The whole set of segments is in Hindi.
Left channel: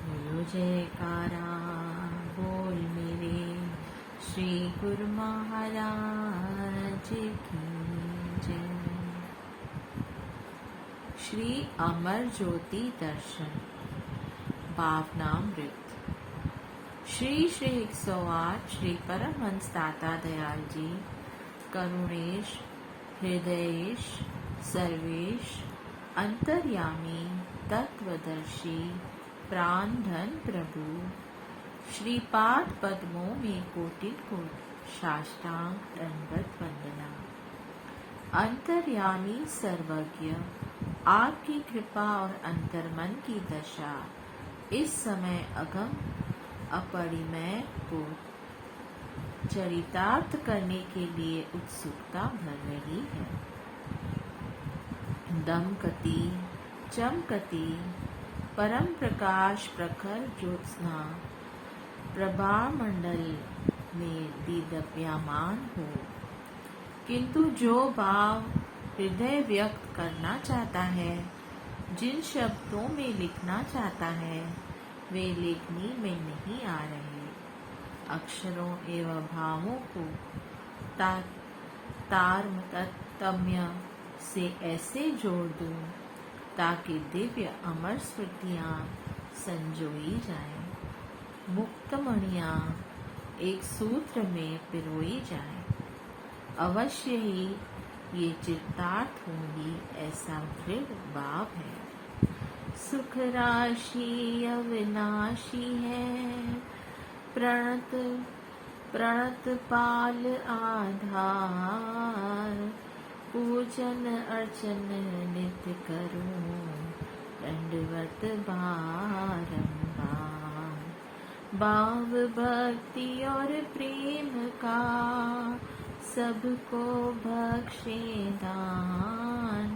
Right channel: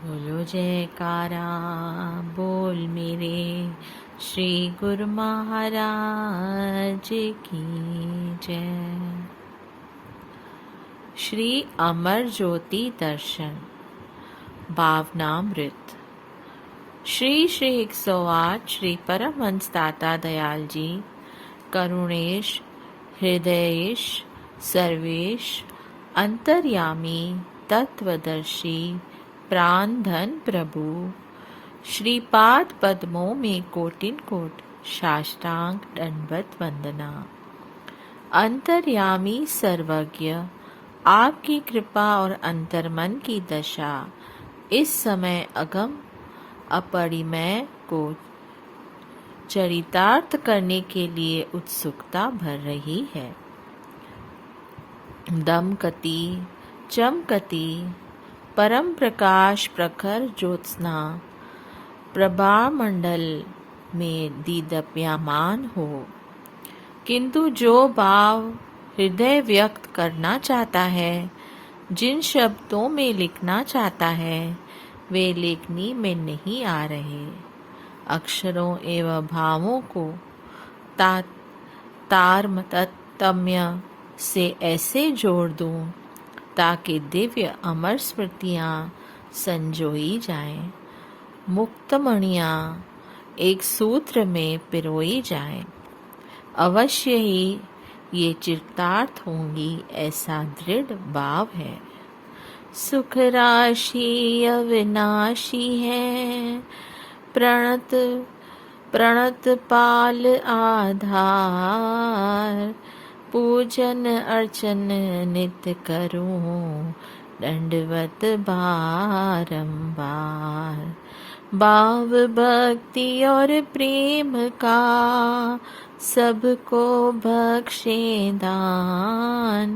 बोलो जयकारा बोल मेरे श्री गुरु महाराज की जय। श्री अमर ज्योति दर्शन भावनामृत। श्री श्री 108 श्री परमहंस दाता दयाल जी करुणेश हृदयेश सर्वेश अंतर्यामी तत्वदर्शी प्राण धन प्रभु श्रीपाद पद्मों में कोटिन कोट साष्टांग दंडवत वंदना। अंतर्यामी सर्वज्ञ आपकी कृपा और अंतर्मन की दशा इस समय अगम अपरिमेय को चरितार्थ करने के लिए उत्सुकता भर रही है। दमकती चमकती परम प्रकाश प्रखर ज्योत्सना प्रभा मंडल में दीदप्यमान हो, किंतु जो भाव हृदय व्यक्त करना चाहता है, जिन शब्दों में लिखना चाहता है, वे लेखनी में नहीं आ रहे। अक्षरों एवं भावों को तारतम्य से ऐसे जोड़ दूं ताकि दिव्य अमर स्मृतियाँ संजोई जाएं, मुक्तमणियाँ एक सूत्र में पिरोई जाएं। अवश्य ही ये चित्तार्थ होंगी, ऐसा दृढ़ भाव है। सुख राशि अविनाशी है, प्रणत प्रणत पाल आधार, पूजन अर्चन नित्य करूं दंडवत बारंबार। भाव भक्ति और प्रेम का सबको बख्शे दान,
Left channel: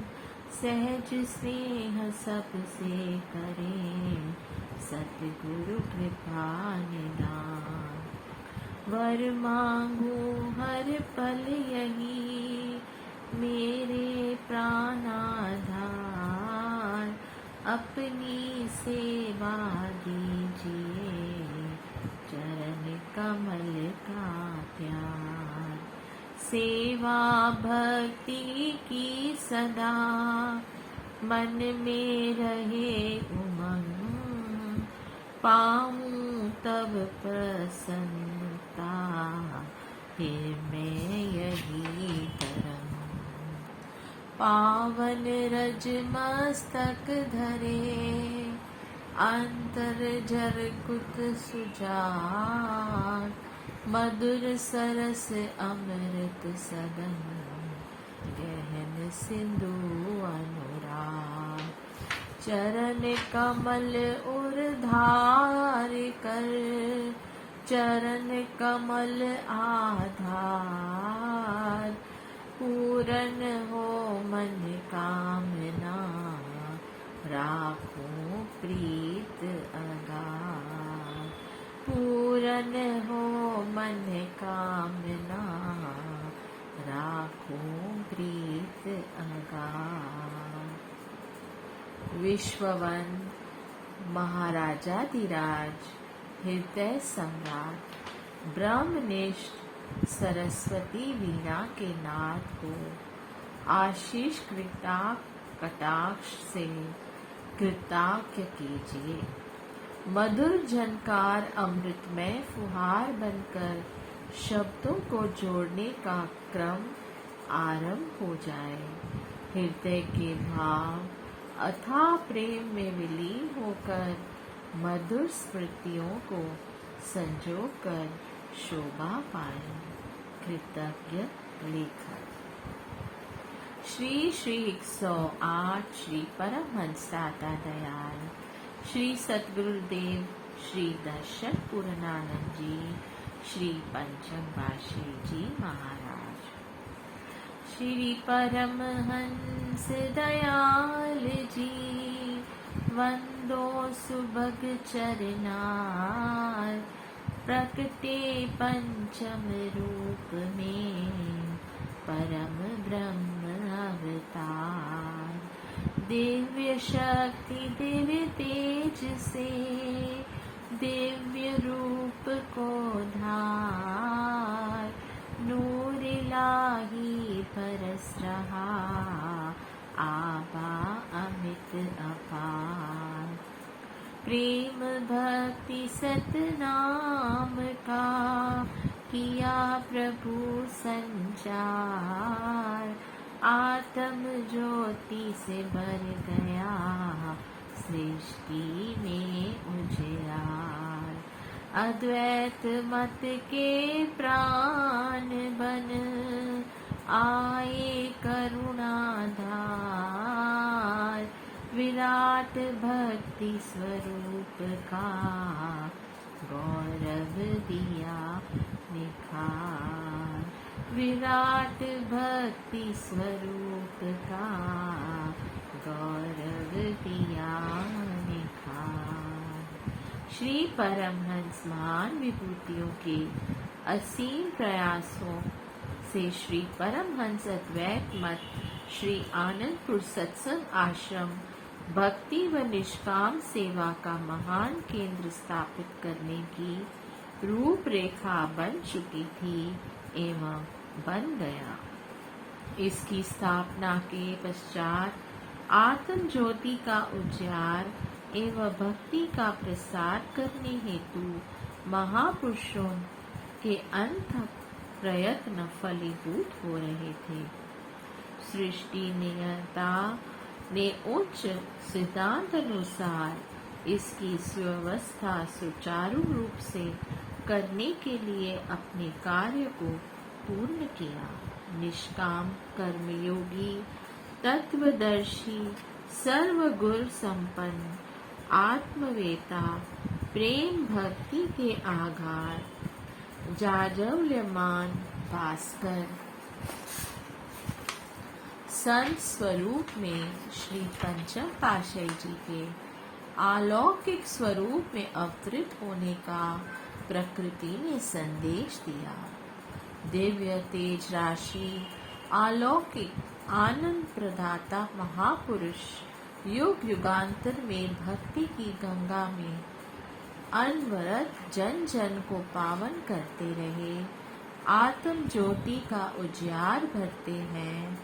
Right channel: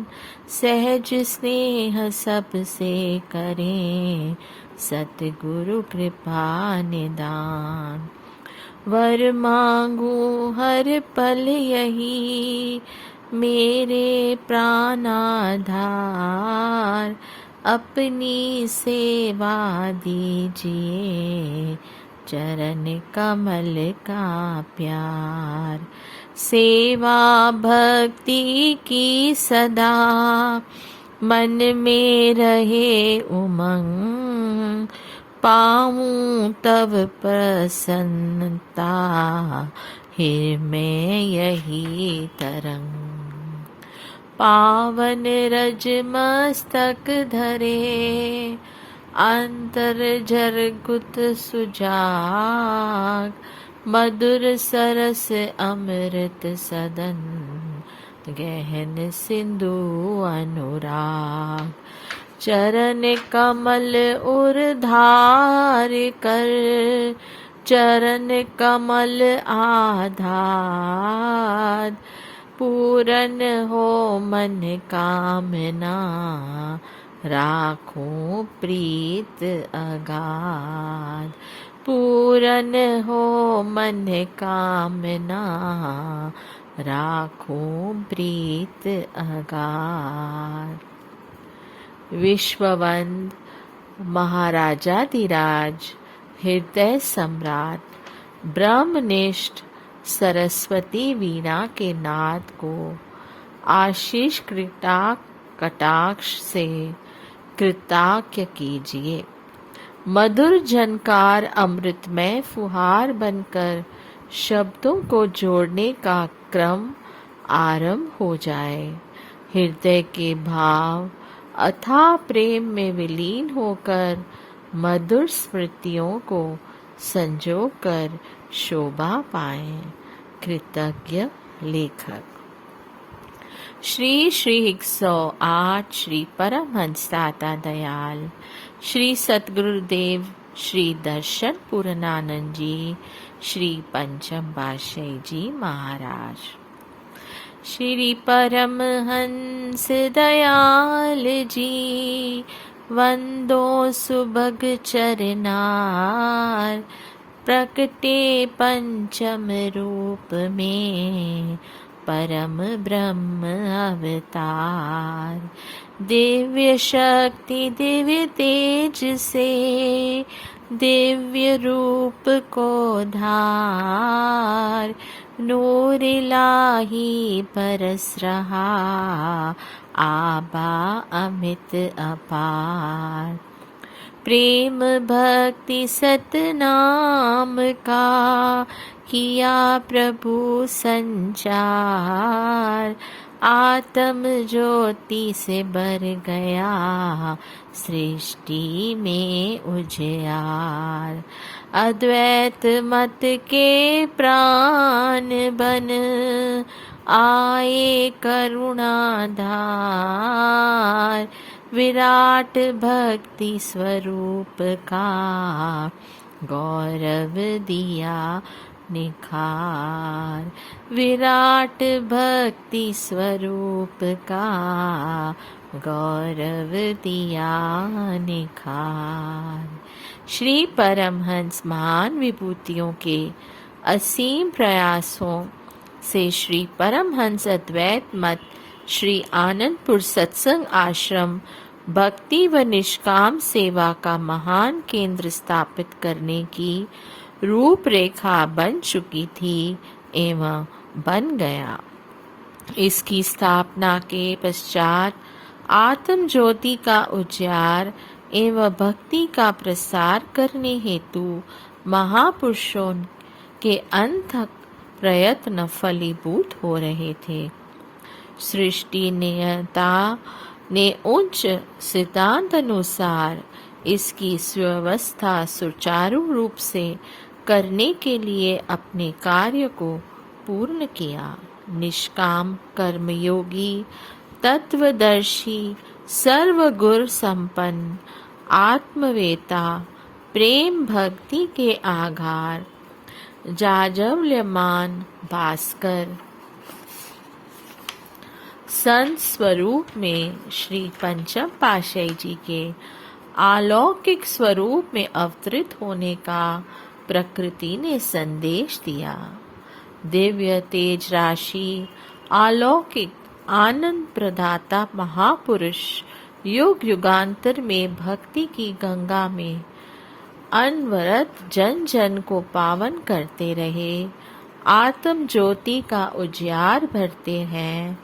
सहज स्नेह सबसे करें सतगुरु कृपा निदान। वर मांगू हर पल यही मेरे प्राणाधार, अपनी सेवा दीजिए चरण कमल का प्यार। सेवा भक्ति की सदा मन में रहे उमंग, पाऊं तब प्रसन्नता हिर में यही तरंग। पावन रज मस्तक धरे अंतर झरकुत सुजाग, मधुर सरस अमृत सदन गहन सिंधु अनुराग। चरण कमल उर्धार कर चरण कमल आधार, पूरन हो मन कामना राखूं प्रीत अगाध। पूरन हो मन कामना राखूं प्रीत अगाध। विश्ववंद महाराजाधिराज हृदय सम्राट ब्रह्मनिष्ठ सरस्वती वीणा के नाद को आशीष कटाक्ष से कृताज्ञ कीजिए। मधुर झनकार अमृतमय फुहार बनकर शब्दों को जोड़ने का क्रम आरंभ हो जाए। हृदय के भाव अथाह प्रेम में विलीन होकर मधुर स्मृतियों को संजो कर शोभा पाएं। कृतज्ञ लेखक। श्री श्री 108 श्री परमहंस दाता दयाल श्री सतगुरुदेव श्री दर्शन पूर्णानंद जी श्री पंचम पातशाही जी महाराज। श्री परमहंस दयाल जी वंदो सुभग चरनार, प्रकटे पंचम रूप में परम ब्रह्म अवतार। दिव्य शक्ति दिव्य तेज से दिव्य रूप को धार, नूर इलाही परस रहा आबा अमित अपार। प्रेम भक्ति सतनाम का किया प्रभु संचार, आत्म ज्योति से भर गया सृष्टि में उजियार। अद्वैत मत के प्राण बन आए करुणाधार, विराट भक्ति स्वरूप का गौरव दिया निखार। विराट भक्ति स्वरूप का गौरव दिया निखार। श्री परमहंस महान विभूतियों के असीम प्रयासों से श्री परमहंस अद्वैत मत श्री आनंदपुर सत्संग आश्रम भक्ति व निष्काम सेवा का महान केंद्र स्थापित करने की रूपरेखा बन चुकी थी एवं बन गया। इसकी स्थापना के पश्चात आत्म ज्योति का उजियार एवं भक्ति का प्रसार करने हेतु महापुरुषों के अनथक प्रयत्न फलीभूत हो रहे थे। सृष्टि नियंता ने उच्च सिद्धांत अनुसार इसकी सुव्यवस्था सुचारू रूप से करने के लिए अपने कार्य को पूर्ण किया। निष्काम कर्मयोगी तत्वदर्शी सर्वगुण संपन्न आत्मवेता प्रेम भक्ति के आधार जाजवल्यमान भास्कर संत स्वरूप में श्री पंचम पातशाही जी के अलौकिक स्वरूप में अवतरित होने का प्रकृति ने संदेश दिया। दिव्य तेज राशि अलौकिक आनंद प्रदाता महापुरुष युग युगांतर में भक्ति की गंगा में अनवरत जन जन को पावन करते रहे, आत्म ज्योति का उजियार भरते हैं,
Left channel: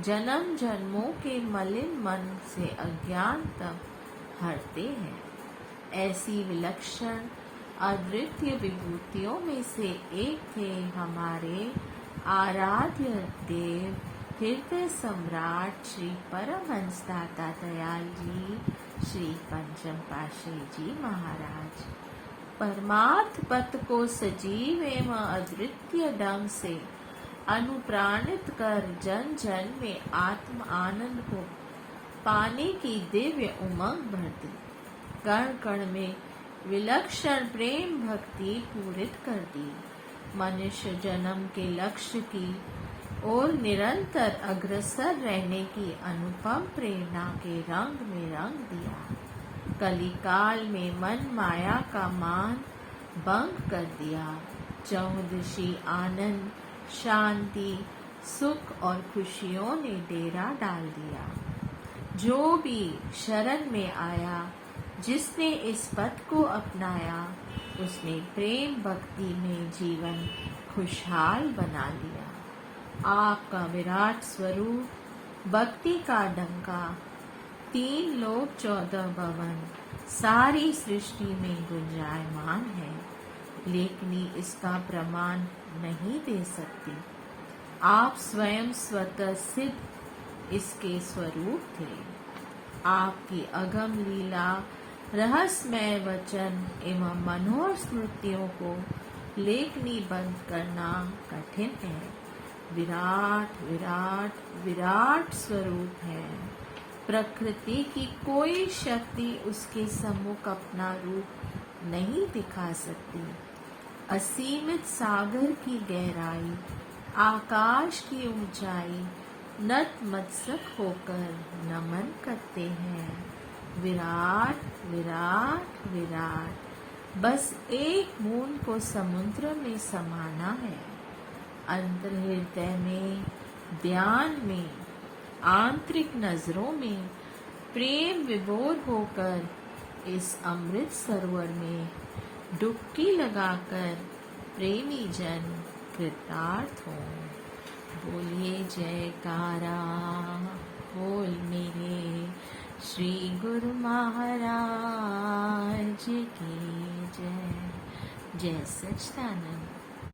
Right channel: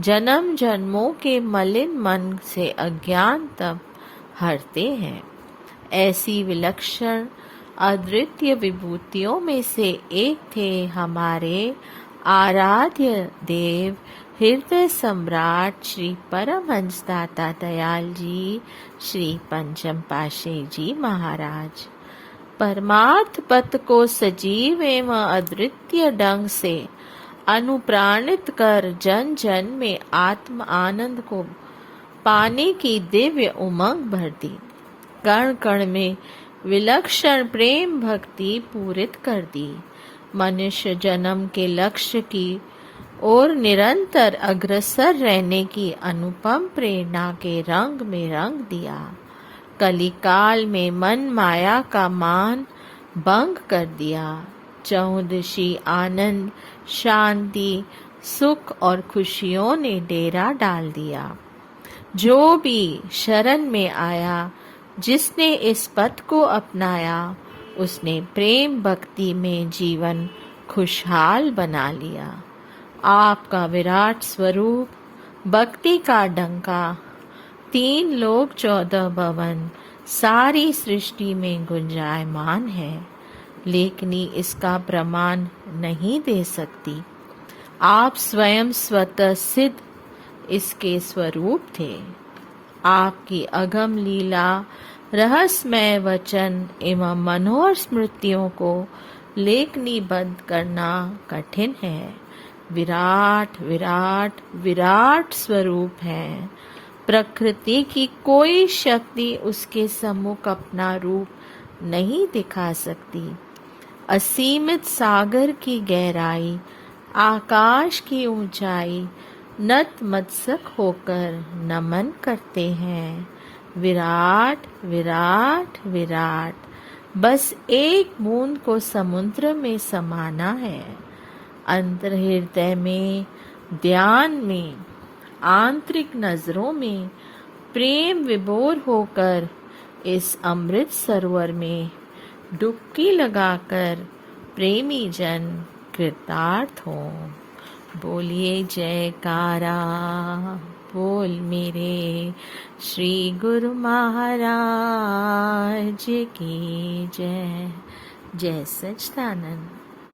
जन्म जन्मों के मलिन मन से अज्ञान तब हरते हैं। ऐसी विलक्षण अद्वितीय विभूतियों में से एक थे हमारे आराध्य देव हृदय सम्राट श्री परमहंस दाता दयाल जी श्री पंचम पातशाही जी महाराज। परमार्थ पथ को सजीव एवं अद्वितीय ढंग से अनुप्राणित कर जन जन में आत्म आनंद को पाने की दिव्य उमंग भर दी। कण कण में विलक्षण प्रेम भक्ति पूरित कर दी। मनुष्य जन्म के लक्ष्य की और निरंतर अग्रसर रहने की अनुपम प्रेरणा के रंग में रंग दिया। कलिकाल में मन माया का मान भंग कर दिया। चहुदशी आनंद शांति सुख और खुशियों ने डेरा डाल दिया। जो भी शरण में आया, जिसने इस पथ को अपनाया, उसने प्रेम भक्ति में जीवन खुशहाल बना लिया। आपका विराट स्वरूप भक्ति का डंका 3 लोक 14 भवन सारी सृष्टि में गुंजायमान है, लेकिन इसका प्रमाण नहीं दे सकती। आप स्वयं स्वतः सिद्ध इसके स्वरूप थे। आपकी अगम लीला रहस्यमय वचन एवं मनोहर स्मृतियों को लेखनीबद्ध करना कठिन है। विराट विराट विराट स्वरूप है। प्रकृति की कोई शक्ति उसके सम्मुख अपना रूप नहीं दिखा सकती। असीमित सागर की गहराई, आकाश की ऊंचाई नतमस्तक होकर नमन करते हैं। विराट विराट विराट, बस एक बूंद को समुद्र में समाना है। अंतर हृदय में ध्यान में, आंतरिक नजरों में प्रेम विभोर होकर इस अमृत सरोवर में डुबकी लगाकर प्रेमी जन कृतार्थ हो। बोलिए जयकारा, बोल मेरे श्री गुरु महाराज की जय। जय सच्चिदानंद।